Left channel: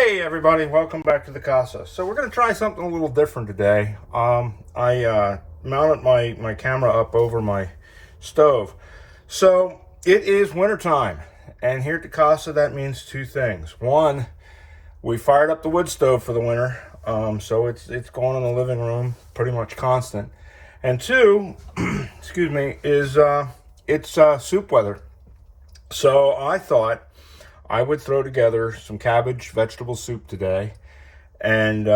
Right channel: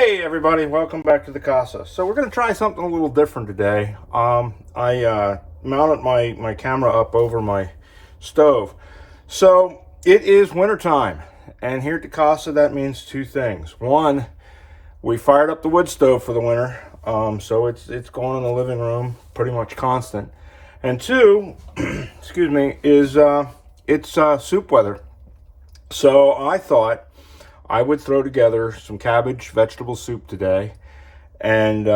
Hey everybody, welcome back to the casa. So we're going to try something a little different today. I mounted my camera up over my stove. So it is wintertime, and here at the casa that means two things. One, we fired up the wood stove for the winter, so it's going in the living room pretty much constant. And two, excuse me, is it's soup weather. So I thought I would throw together some cabbage vegetable soup today, and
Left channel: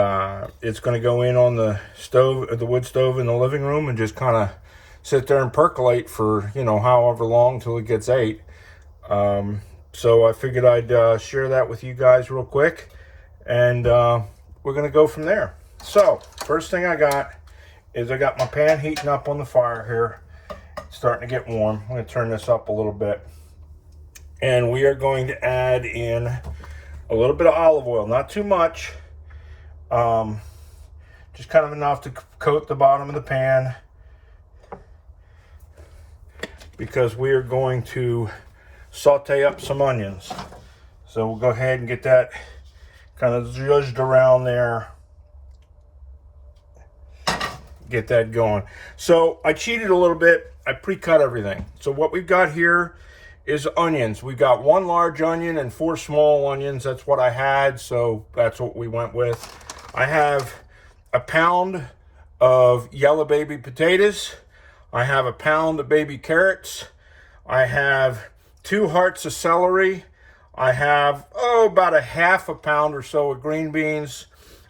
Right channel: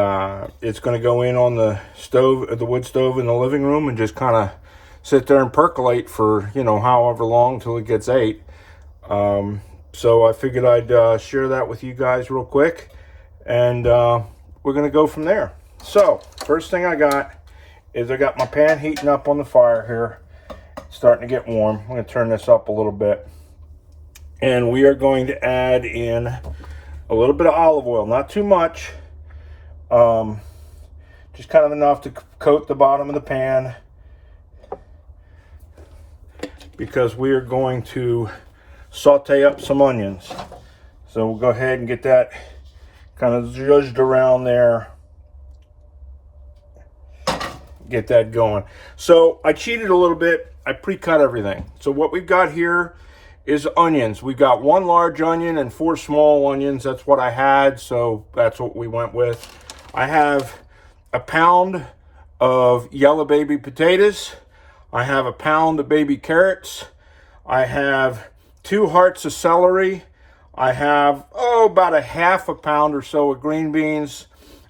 it's going to go in on the stove, the wood stove in the living room, and just kind of sit there and percolate for, you know, however long till it gets ate. So I figured I'd share that with you guys real quick, and we're going to go from there. So first thing I got is I got my pan heating up on the fire here. It's starting to get warm. I'm going to turn this up a little bit. And we are going to add in a little bit of olive oil, not too much, just kind of enough to coat the bottom of the pan, because we are going to saute up some onions. So we'll go ahead and get that kind of zhuzhed around there, get that going. So I cheated a little bit. I pre-cut everything. So what we've got here is onions. We've got one large onion and 4 small onions. That's what I had, so that's what we went with. I have a pound of yellow baby potatoes. I have a pound of baby carrots. I have 2 hearts of celery. I have, about a half a pound or so of green beans.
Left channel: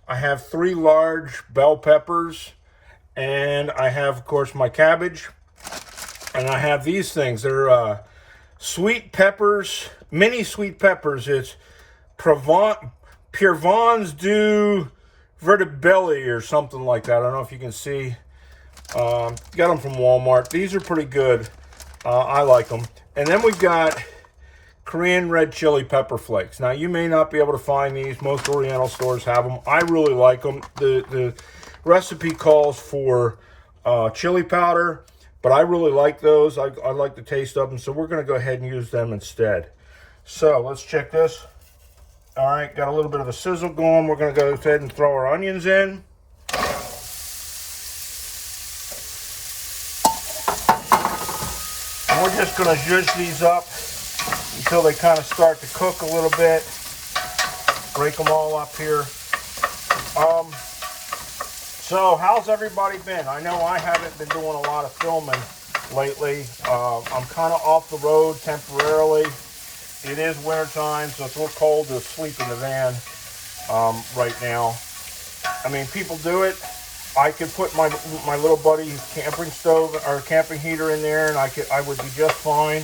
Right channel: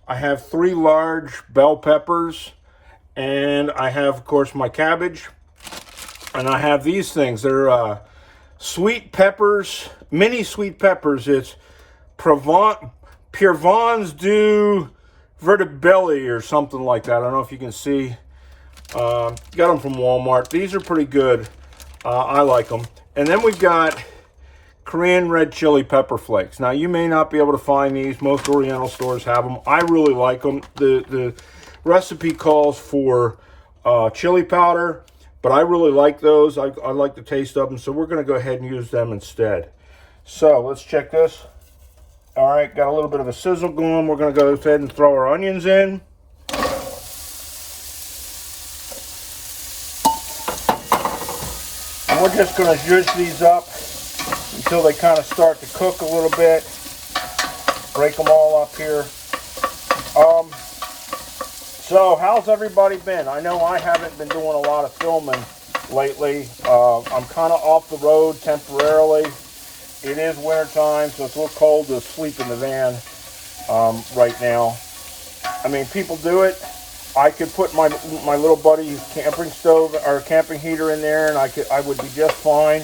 I have 3 large bell peppers. And I have, of course, my cabbage. And I have these things. They're sweet peppers, mini sweet peppers. It's Provence du Vertibelli or something like that. I don't know if you can see. Got them from Walmart. These are pretty good. I like them. And then we've got Korean red chili pepper flakes. Now, you may not be able to find these. Most Oriental stores have them. I really like them. The recipe calls for chili powder, but I really like those. I like the taste of them, so we're going to go ahead and use them instead. So let's check this. All right, got a little bit of a sizzle going. We're going to go ahead and throw our onions in. And we're just going to zhuzh these up until they kind of start to cook a little bit. Break them all up here. So how's everybody been? I know I haven't been doing a lot of filming lately. I'm kind of off the road temporarily. It is wintertime, so it's a little cold to sleep in the van right now. I mean, people do it. I could put my little buddy's camping stove or camping heater in there, and I would be just fine.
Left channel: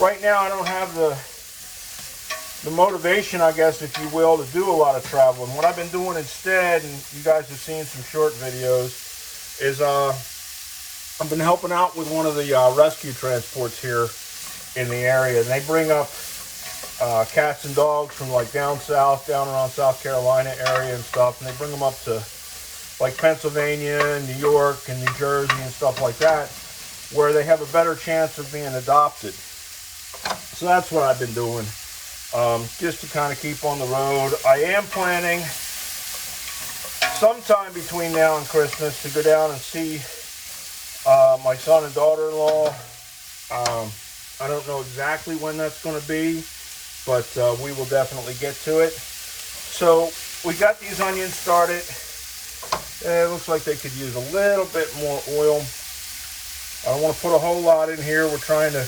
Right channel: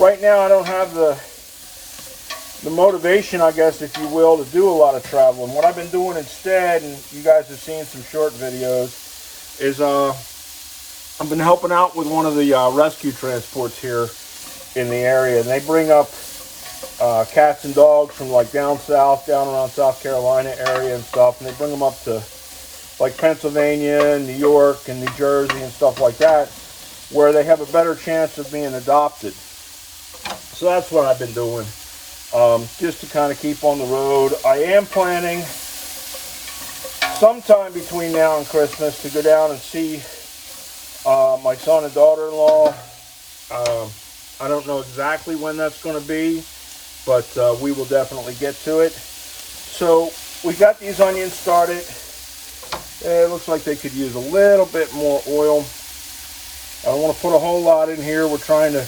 Right now I don't have the motivation, I guess, if you will, to do a lot of traveling. What I've been doing instead, and you guys have seen some short videos, is I've been helping out with one of the rescue transports here in the area. And they bring up cats and dogs from like down south, down around South Carolina area and stuff. And they bring them up to like Pennsylvania and New York and New Jersey and stuff like that, where they have a better chance of being adopted. So that's what I've been doing. Just to kind of keep on the road. I am planning sometime between now and Christmas to go down and see my son and daughter-in-law. I don't know exactly when that's going to be, but we will definitely get to it. So we got these onions started. It looks like they could use a little bit more oil. I don't want to put a whole lot in here. We're trying to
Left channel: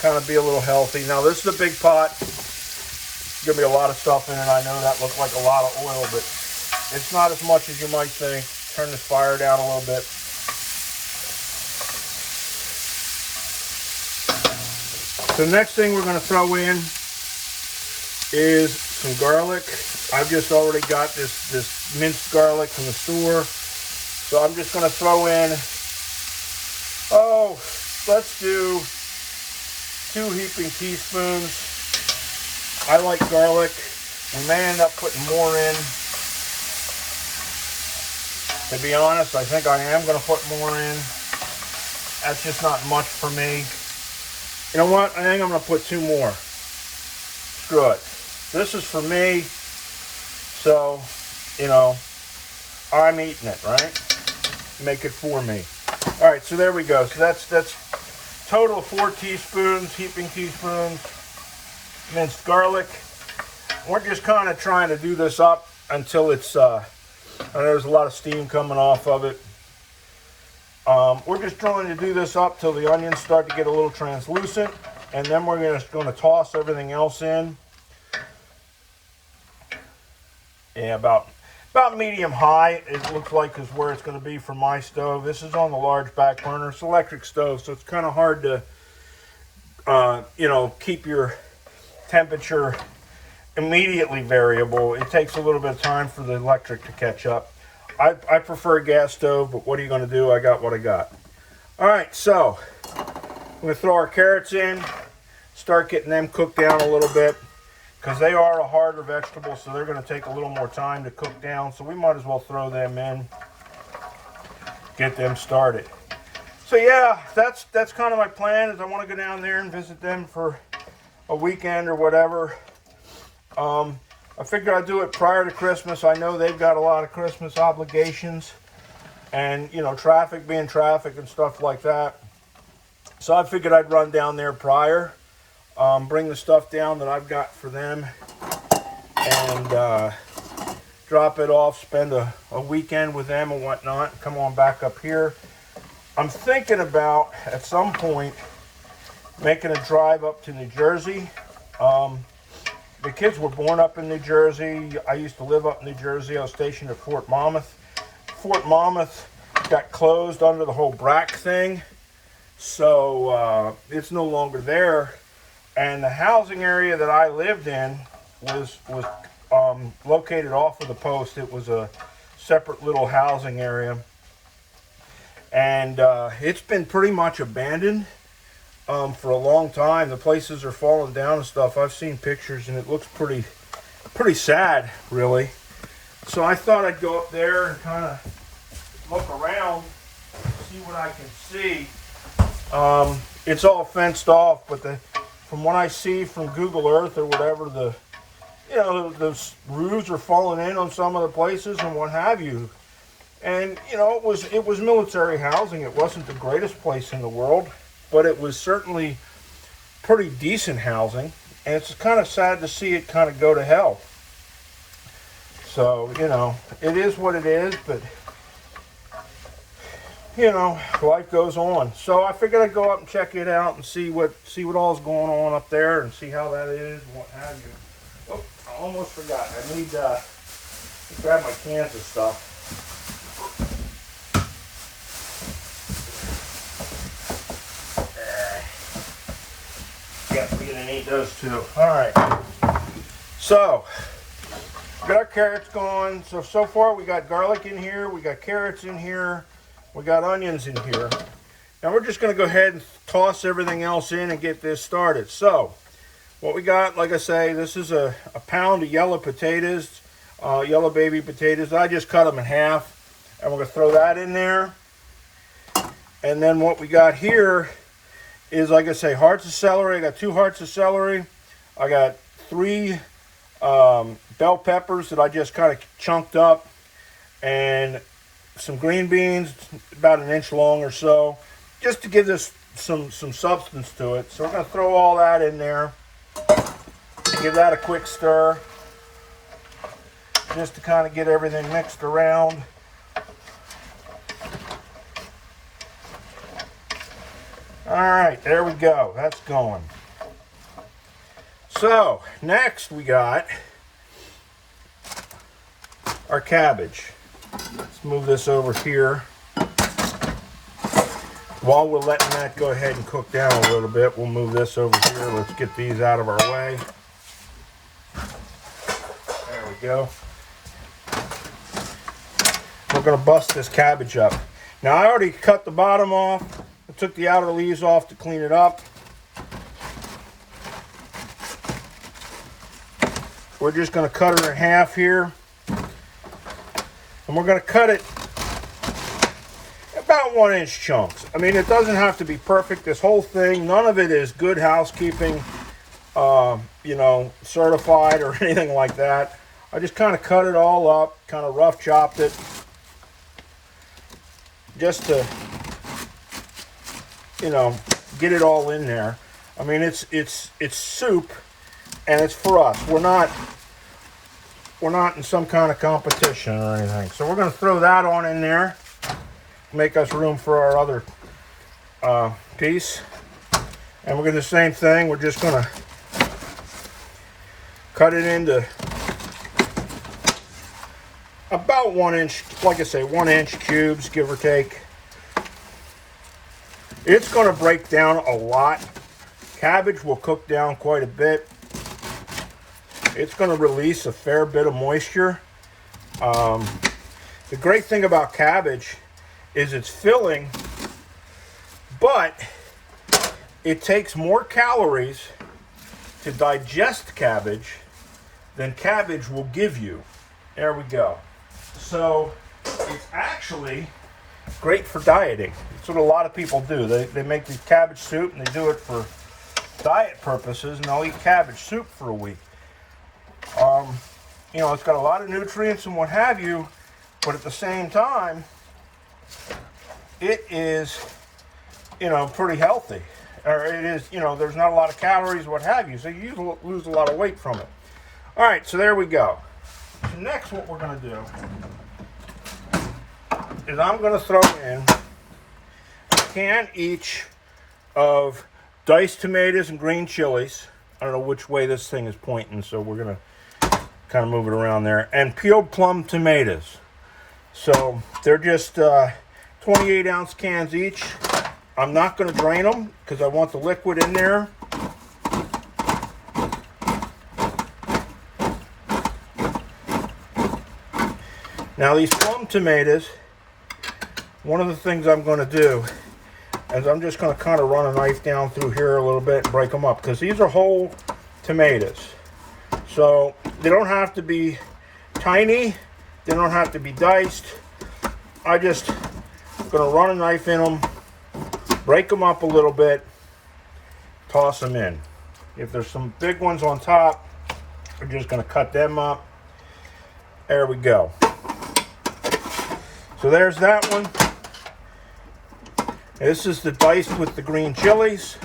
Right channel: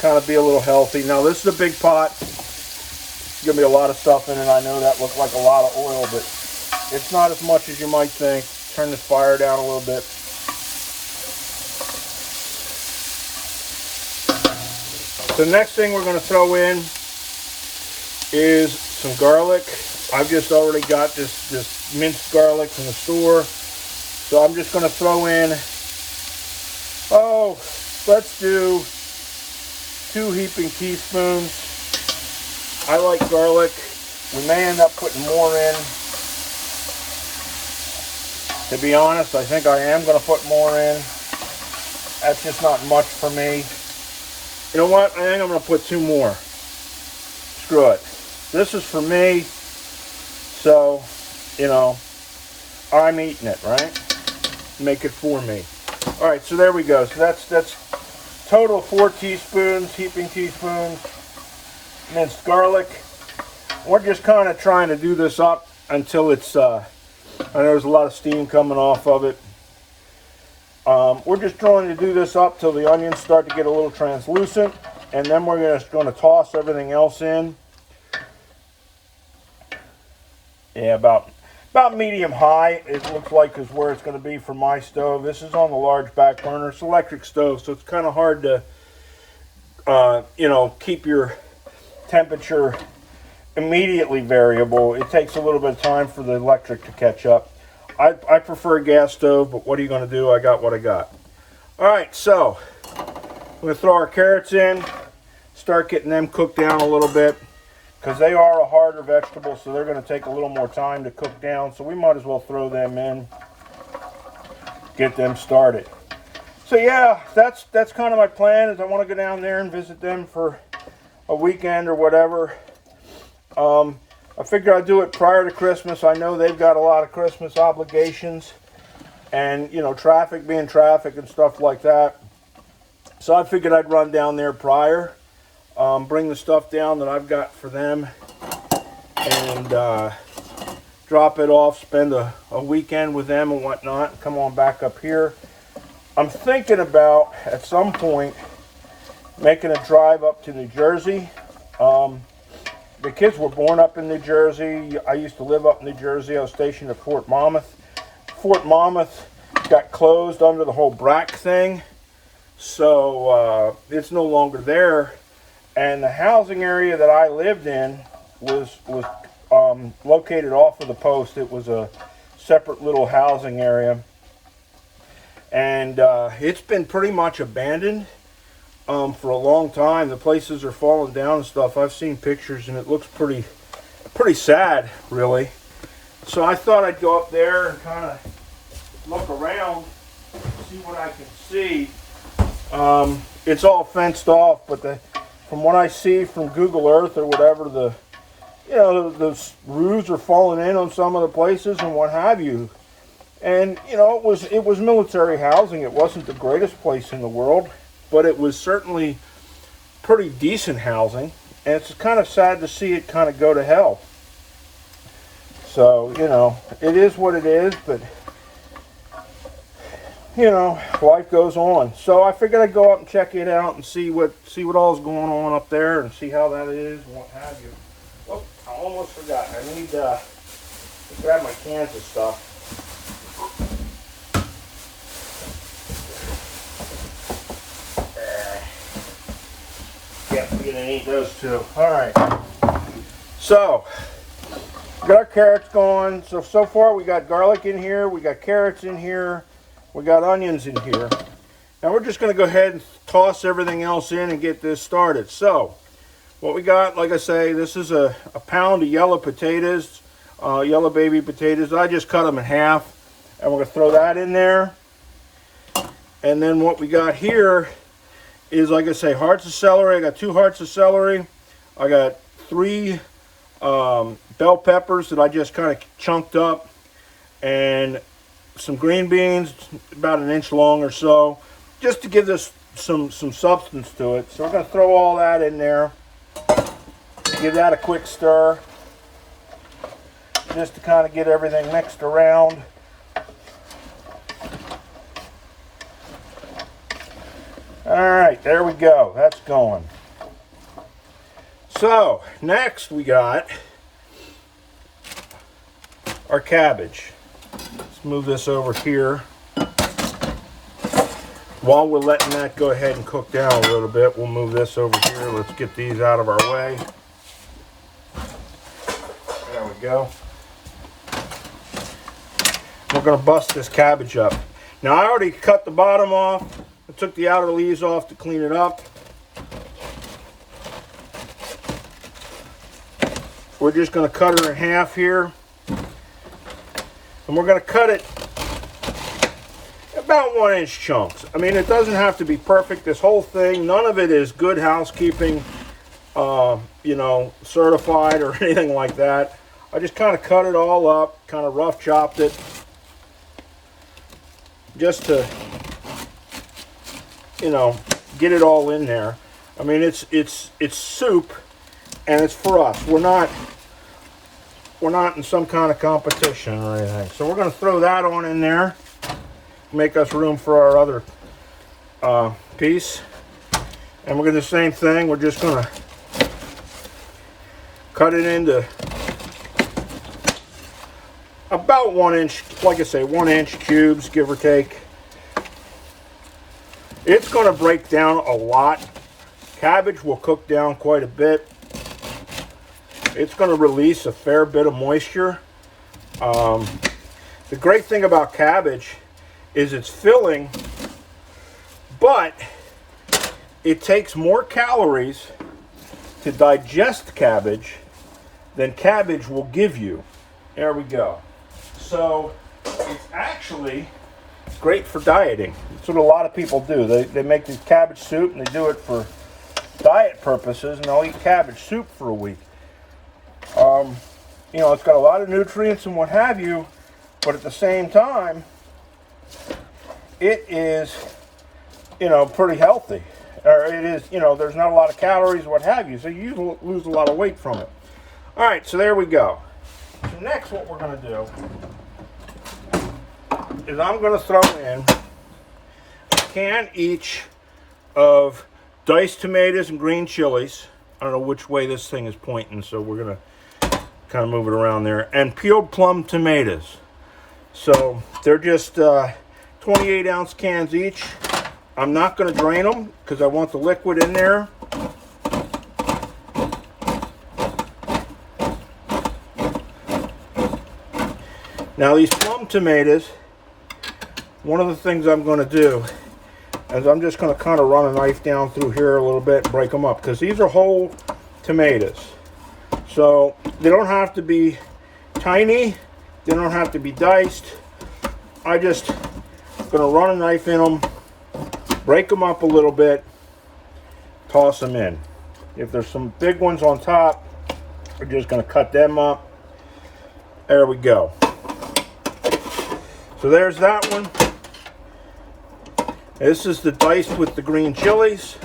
kind of be a little healthy. Now, this is a big pot. There's going to be a lot of stuff in it. I know that looks like a lot of oil, but it's not as much as you might think. Turn this fire down a little bit. The next thing we're going to throw in is some garlic. I've just already got this minced garlic from the store. So I'm just going to throw in, let's do 2 heaping teaspoons. I like garlic. We may end up putting more in. To be honest, I think I am going to put more in. That's just not much for me. You know what? I think I'm going to put 2 more. Screw it. This is for me, so, you know, I'm eating it, right? Make it for me. All right, so there we go. So that's total of 4 teaspoons, heaping teaspoons, minced garlic. We're just kind of trying to do this up until it's, I know there's a lot of steam coming off of it. We're just trying to do this up till the onions start to get a little translucent, and then we're just going to toss everything else in. Yeah, about medium high, it looks like, is where it's going to be for my stove. This is on the large back burner. It's an electric stove, so it's kind of hard to, you know, keep your temperature immediately variable. It takes a little bit of time for the electric to catch up. I prefer a gas stove, but what are you going to do? I got what I got. All right, so I'm going to throw our carrots in, start getting them cooked down a little bit, because they are a harder vegetable, so they're going to take a little more time to cook down. So we might as well throw them in, get them started. So yeah, that's kind of my plan. Is I want to go down there and visit them for a weekend or whatever. I figured I'd do it prior to Christmas. I know they've got a lot of Christmas obligations, and you know, traffic being traffic and stuff like that. So I figured I'd run down there prior, bring the stuff down that I've got for them, and drop it off, spend a weekend with them and whatnot, and come on back up here. I'm thinking about, at some point, making a drive up to New Jersey. The kids were born up in New Jersey. I used to live up in New Jersey. I was stationed at Fort Monmouth. Fort Monmouth got closed under the whole BRAC thing, so it's no longer there. And the housing area that I lived in was located off of the post. It was a separate little housing area, and it's been pretty much abandoned for a long time. The places are falling down and stuff. I've seen pictures, and it looks pretty sad, really. So I thought I'd go up there and kind of look around, see what I can see. It's all fenced off, but from what I see from Google Earth or whatever, the roofs are falling in on some of the places and what have you. And you know, it was military housing. It wasn't the greatest place in the world, but it was certainly pretty decent housing, and it's kind of sad to see it kind of go to hell. So, you know, it is what it is, but, you know, life goes on. So I figured I'd go up and check it out and see what all's going on up there and see how that is and what have you. Oh, I almost forgot. I need to grab my cans of stuff. We're gonna need those too. Alright. So, we got our carrots going. So far we got garlic in here, we got carrots in here, we got onions in here. Now we're just gonna go ahead and toss everything else in and get this started. So, what we got, like I say, this is a pound of yellow potatoes, yellow baby potatoes. I just cut them in half, and we're gonna throw that in there. And then what we got here is, like I say, hearts of celery. I got 2 hearts of celery. I got 3 bell peppers that I just kind of chunked up, and some green beans, about 1 inch long or so, just to give this some substance to it. So we're going to throw all that in there, give that a quick stir, just to kind of get everything mixed around. Alright, there we go. That's going. So, next we got our cabbage. Let's move this over here. While we're letting that go ahead and cook down a little bit, we'll move this over here. Let's get these out of our way. There we go. We're going to bust this cabbage up. Now, I already cut the bottom off. I took the outer leaves off to clean it up. We're just going to cut her in half here. And we're going to cut it about 1 inch chunks. I mean, it doesn't have to be perfect. This whole thing, none of it is good housekeeping. you know, certified or anything like that. I just kind of cut it all up, kind of rough chopped it, just to, you know, get it all in there. I mean, it's soup, and it's for us. We're not in some kind of competition or anything. So we're going to throw that on in there, make us room for our other piece. And we're going to do the same thing. We're just going to cut it into about 1 inch, like I say, 1 inch cubes, give or take. It's going to break down a lot. Cabbage will cook down quite a bit. It's going to release a fair bit of moisture. The great thing about cabbage is it's filling, but it takes more calories to digest cabbage than cabbage will give you. There we go. So it's actually great for dieting. That's what a lot of people do. They make this cabbage soup and they do it for diet purposes, and they'll eat cabbage soup for a week. You know, it's got a lot of nutrients and what have you, but at the same time, it is, you know, pretty healthy. Or it is, you know, there's not a lot of calories, what have you, so you lose a lot of weight from it. All right, so there we go. So next, what we're going to do is I'm going to throw in a can each of diced tomatoes and green chilies. I don't know which way this thing is pointing, so we're going to kind of move it around there. And peeled plum tomatoes. So they're just 28-ounce cans each. I'm not going to drain them because I want the liquid in there. Now these plum tomatoes, one of the things I'm going to do is I'm just going to kind of run a knife down through here a little bit and break them up, because these are whole tomatoes. So they don't have to be tiny, they don't have to be diced. I just going to run a knife in them, break them up a little bit, toss them in. If there's some big ones on top, we're just going to cut them up. There we go. So there's that one. This is the diced with the green chilies.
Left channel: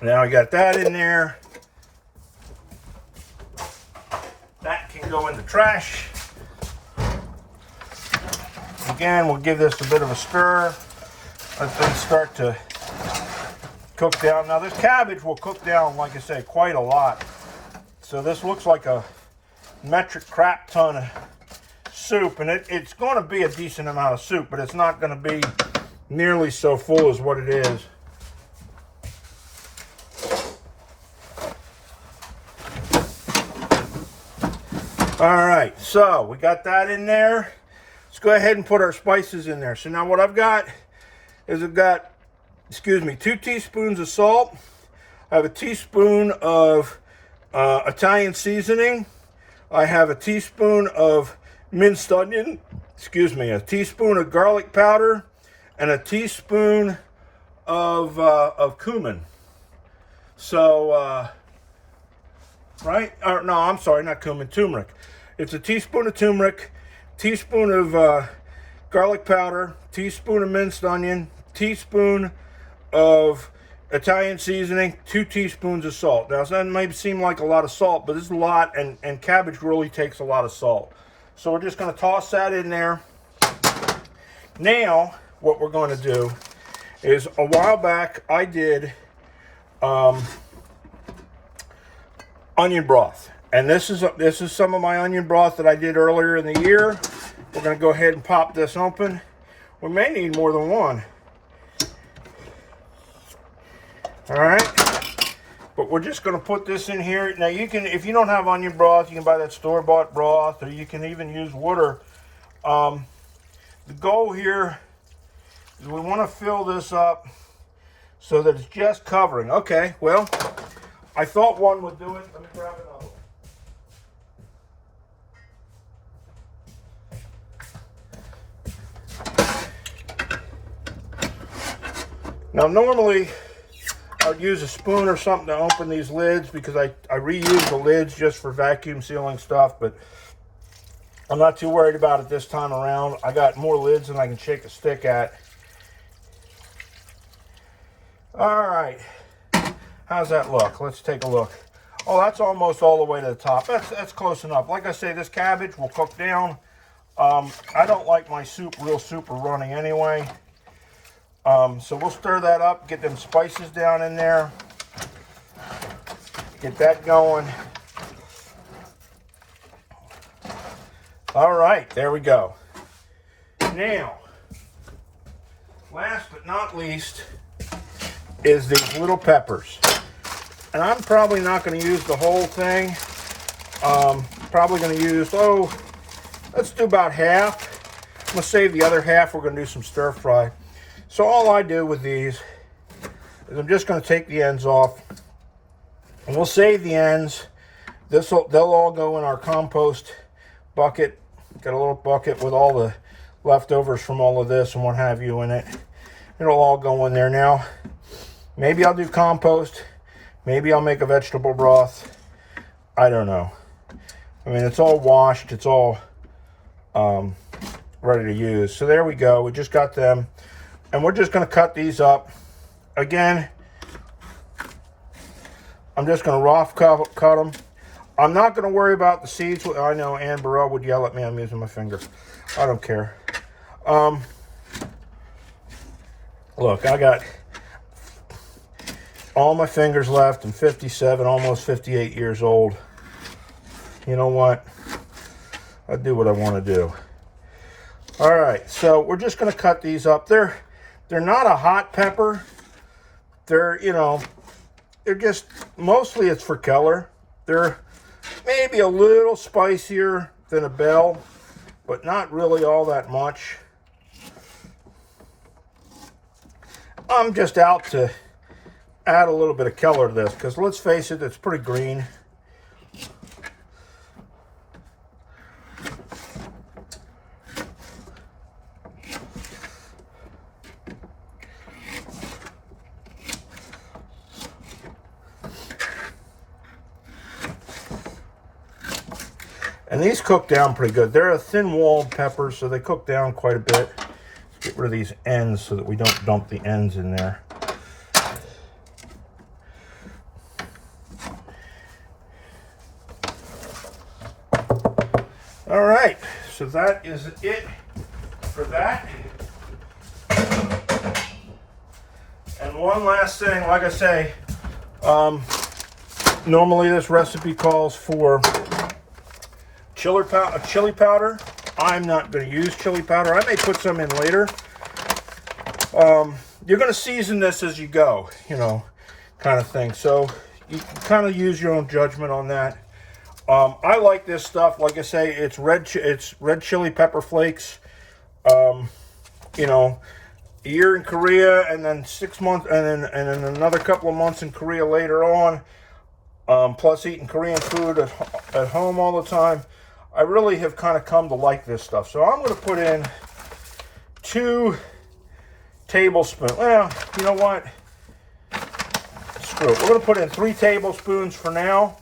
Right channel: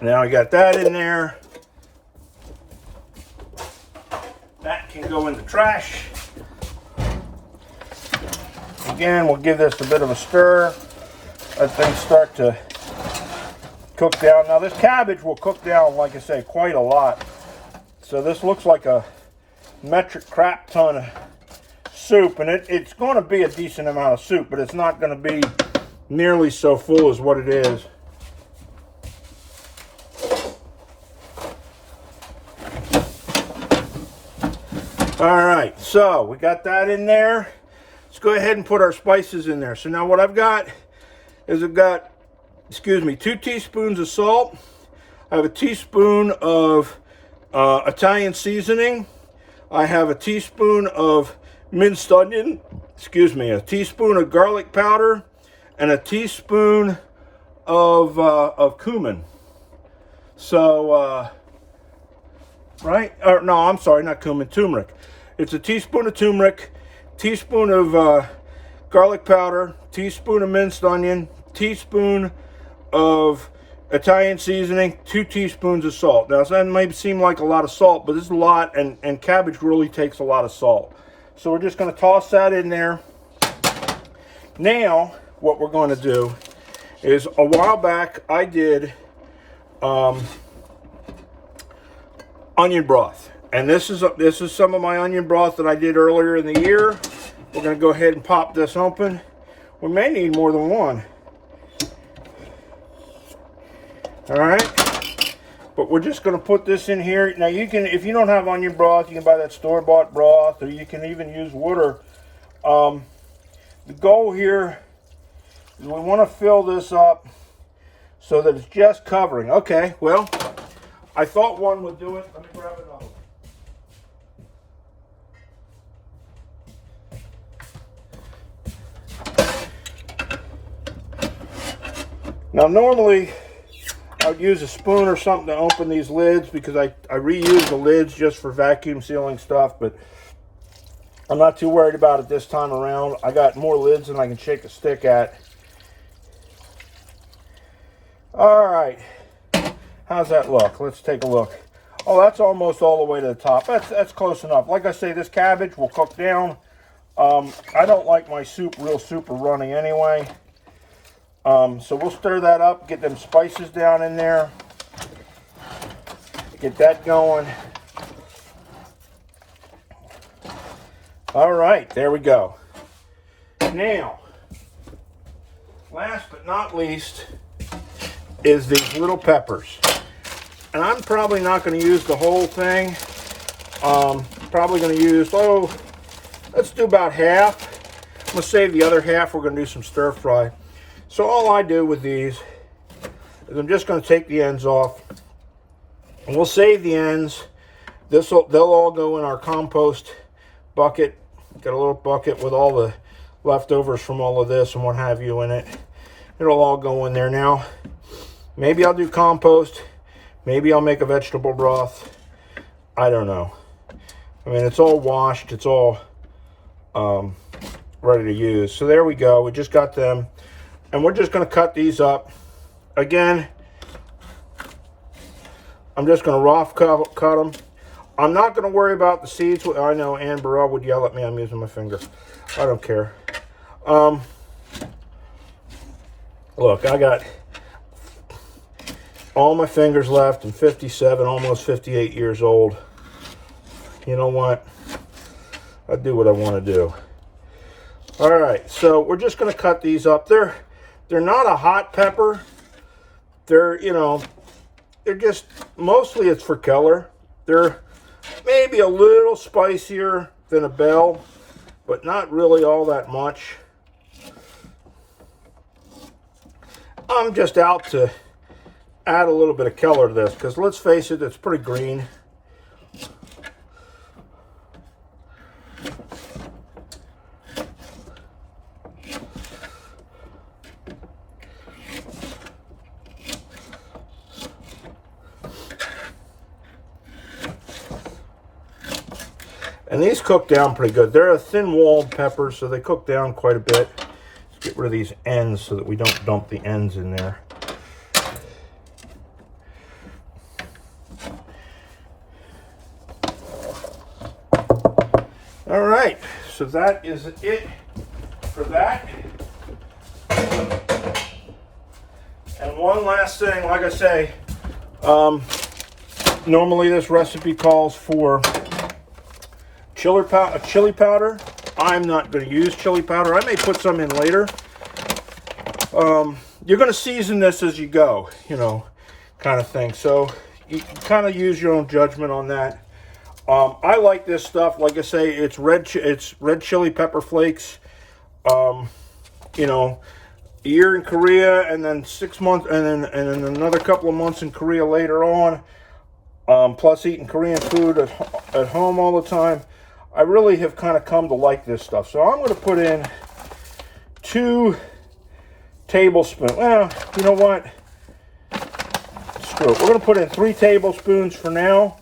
Now I got that in there. That can go in the trash. Again, we'll give this a bit of a stir. Let things start to cook down. Now this cabbage will cook down, like I say, quite a lot. So this looks like a metric crap ton of soup, and it's going to be a decent amount of soup, but it's not going to be nearly so full as what it is. All right, so we got that in there. Let's go ahead and put our spices in there. So now what I've got is excuse me, 2 teaspoons of salt. I have a teaspoon of Italian seasoning. I have a teaspoon of minced onion, excuse me, a teaspoon of garlic powder, and a teaspoon of cumin. So, right? Or no, I'm sorry, not cumin, turmeric. It's a teaspoon of turmeric, teaspoon of garlic powder, teaspoon of minced onion, teaspoon of Italian seasoning, 2 teaspoons of salt. Now, that may seem like a lot of salt, but this is a lot, and cabbage really takes a lot of salt. So we're just going to toss that in there. Now, what we're going to do is, a while back, I did onion broth. And this is some of my onion broth that I did earlier in the year. We're going to go ahead and pop this open. We may need more than one. All right, but we're just going to put this in here. Now you can, if you don't have onion broth, you can buy that store-bought broth, or you can even use water. The goal here is we want to fill this up so that it's just covering. Okay, well, I thought one would do it. Let me grab another one. Now normally I would use a spoon or something to open these lids because I reuse the lids just for vacuum sealing stuff, but I'm not too worried about it this time around. I got more lids than I can shake a stick at. All right, how's that look? Let's take a look. Oh, that's almost all the way to the top. That's close enough. Like I say, this cabbage will cook down. I don't like my soup real super runny anyway. So we'll stir that up, get them spices down in there, get that going. All right, there we go. Now, last but not least is these little peppers. And I'm probably not going to use the whole thing. Probably going to use, let's do about half. I'm going to save the other half. We're going to do some stir fry. So all I do with these is I'm just going to take the ends off. And we'll save the ends. They'll all go in our compost bucket. Got a little bucket with all the leftovers from all of this and what have you in it. It'll all go in there now. Maybe I'll do compost. Maybe I'll make a vegetable broth. I don't know. I mean, it's all washed. It's all ready to use. So there we go. We just got them. And we're just going to cut these up. Again, I'm just going to rough cut them. I'm not going to worry about the seeds. I know Ann Burrell would yell at me. I'm using my fingers. I don't care. Look, I got all my fingers left. I'm 57, almost 58 years old. You know what? I do what I want to do. All right, so we're just going to cut these up. They're not a hot pepper. They're, they're just, mostly it's for color. They're maybe a little spicier than a bell, but not really all that much. I'm just out to add a little bit of color to this because let's face it, it's pretty green. And these cook down pretty good. They're a thin-walled pepper, so they cook down quite a bit. Let's get rid of these ends so that we don't dump the ends in there. All right, so that is it for that. And one last thing, like I say, normally this recipe calls for chili powder. I'm not going to use chili powder. I may put some in later. You're going to season this as you go, kind of thing. So you can kind of use your own judgment on that. I like this stuff. Like I say, it's red chili pepper flakes. A year in Korea, and then 6 months, and then another couple of months in Korea later on. Plus eating Korean food at home all the time. I really have kind of come to like this stuff. So I'm going to put in 2 tablespoons. Well, you know what? Screw it. We're going to put in 3 tablespoons for now.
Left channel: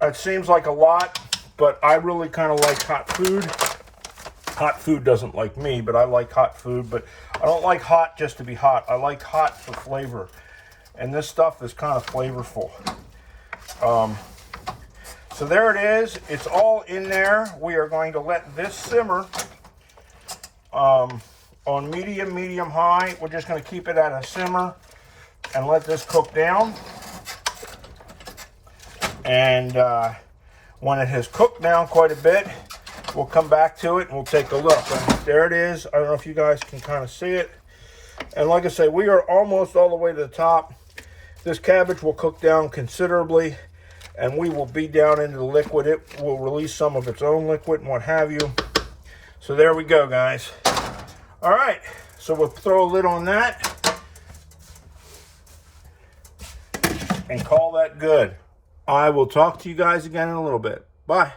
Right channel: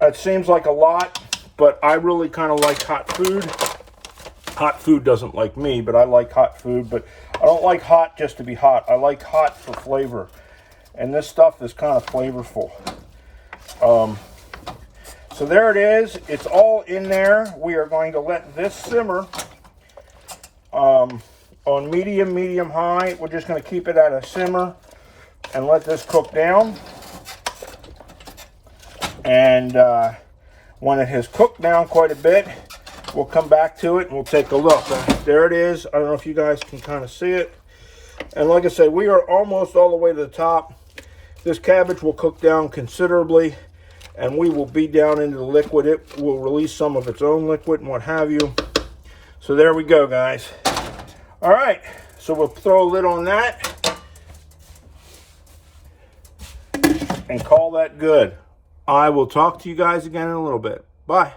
That seems like a lot, but I really kind of like hot food. Hot food doesn't like me, but I like hot food. But I don't like hot just to be hot. I like hot for flavor. And this stuff is kind of flavorful. So there it is. It's all in there. We are going to let this simmer on medium high. We're just going to keep it at a simmer and let this cook down. And when it has cooked down quite a bit, we'll come back to it and we'll take a look. There it is. I don't know if you guys can kind of see it. And like I say, we are almost all the way to the top. This cabbage will cook down considerably, and we will be down into the liquid. It will release some of its own liquid and what have you. So there we go, guys. All right, so we'll throw a lid on that and call that good. I will talk to you guys again in a little bit. Bye.